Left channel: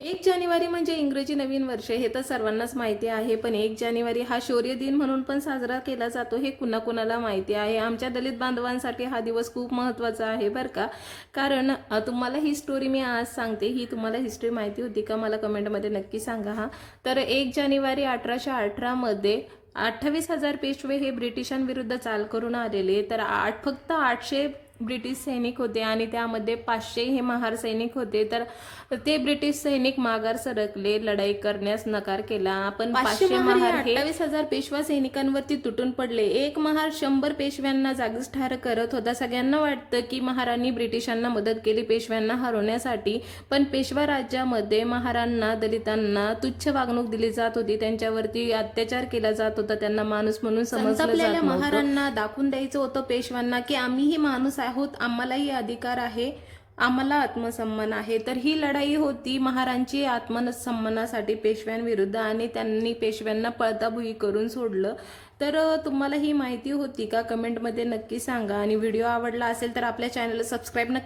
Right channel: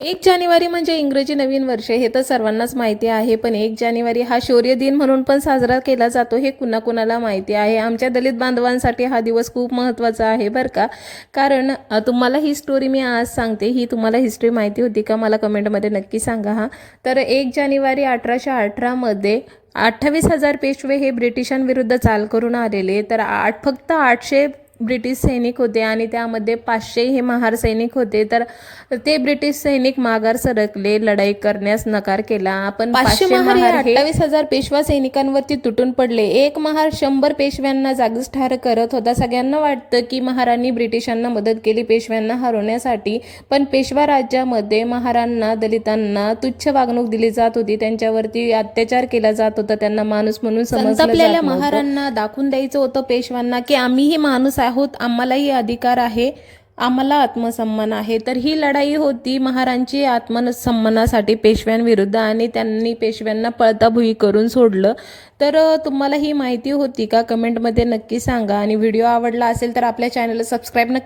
1 जानेवारी म्हणजे इंग्रजी नवीन वर्ष हे तर सर्वांनाच माहिती आहे. पण 1 जानेवारी हा शौर्य दिन म्हणून पण साजरा केला जातो हे कुणाकुणाला माहिती आहे. आमच्या दलित बांधवांसाठी हा दिवस खूप महत्त्वाचा आहे बरं का. कारण तुम्हाला ही स्टोरी मी आज सांगते. ही तुम्हाला हिस्ट्री माहिती होती का? मला कमेंटमध्ये नक्की सांगा हां. तर 1 जानेवारी 1818 मध्ये 28,000 पेशवे हे ब्रिटिशांविरुद्ध चाल करून आलेले. तर फक्त 800 ब्रिटिश सैनिक होते आणि त्यामध्ये 500 हे महार सैनिक होते. तर ते ब्रिटिश सैनिक माघार सरकले, लढाई करण्यास नकार केला. आपण 500 महार हे 28,000 पेशवा सैनिकांवरती तुटून पडले. एक महार 100 पेशव्यांना जागीच ठार करत होता. सगळ्यांना वाटतं की महारांनी ब्रिटिशांना मदत केली पेशव्यांना हरवण्यासाठी, पण पेशवा राज्यामध्ये महारांना दलितांना तुच्छ वागणूक दिली जात होती. त्यांच्यावरती अत्याचार केला जात होता. त्यांना माणूस म्हणून समजलं जात नव्हतं. महारांना दाखवून द्यायचं होतं पेशव्यांना की आम्हीही माणूस आहोत, आम्हालाही अधिकार आहे, आम्हाला आत्मसन्मान आहे. तर ही लढाई होती महारांची आत्मसन्मानासाठी पेशव्यांविरुद्ध आणि त्यांनी पेशव्यांना पळता भुई करून सोडलं. तर तुम्हाला ही माहिती होती का? कमेंटमध्ये नक्की सांगा आणि व्हिडिओ आवडला असेल तर आपल्या चॅनलला सबस्क्राईब नक्की